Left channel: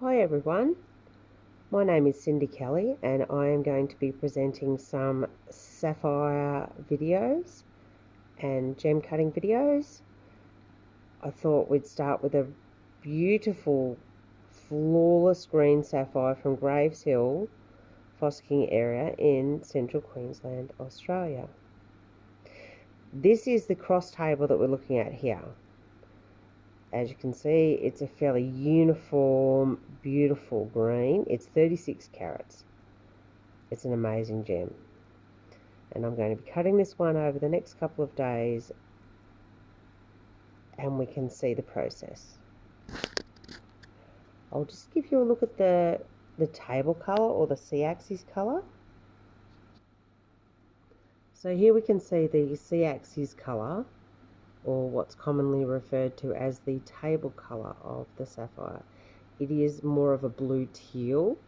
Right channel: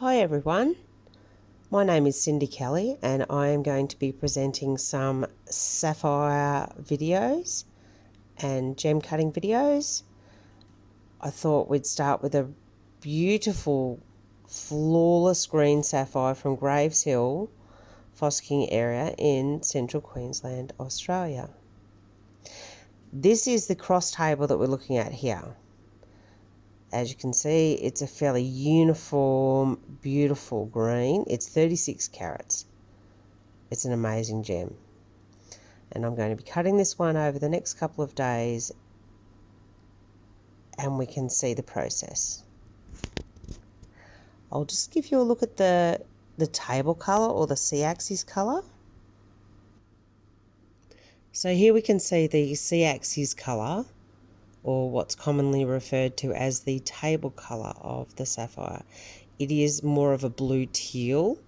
Hi everyone, my name is Cindy Kelly and I am going to be presenting some sapphire videos and gem cutting videos. I thought we'd start with a beautiful flawless green sapphire from Graves Hill, Fosking area in central Queensland, Australia. This is the cross table that we're looking at here. As you can see, it's a fairly uniform, beautiful green. It's 36 carats. It's an amazing gem. And I'm going to be cutting this one over the next couple of days and we can see the process. I'll just give you a look at the table colour or the C-axis colour. So here we can see the C-axis colour, or what's commonly referred to as the table colour of the sapphire. It is more of a blue teal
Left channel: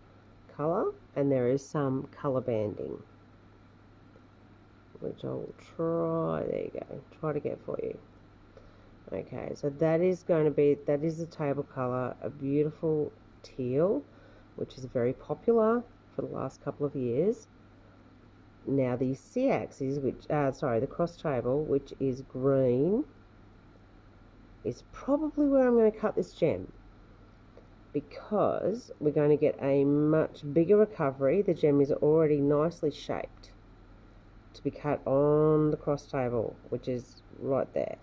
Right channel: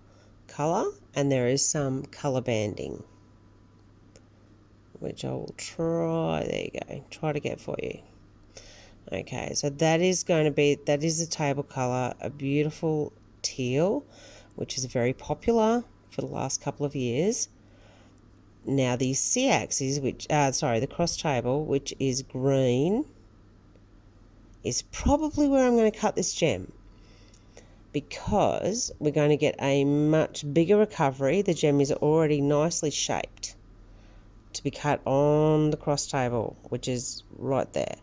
colour and there is some colour banding, which I will try to get for you. Okay, so that is the table colour, a beautiful teal, which is very popular for the last couple of years. Now the C-axis, the cross table, which is green, is probably where I'm going to cut this gem, because we're going to get a much bigger recovery. The gem is already nicely shaped to be cut on the cross table, which is right there.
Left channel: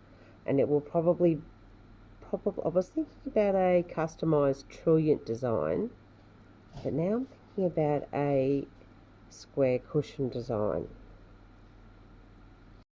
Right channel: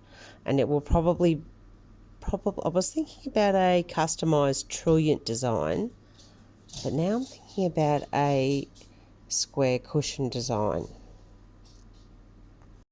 And it will probably I was thinking about a customized trilliant design, but now I'm thinking about a square cushion design.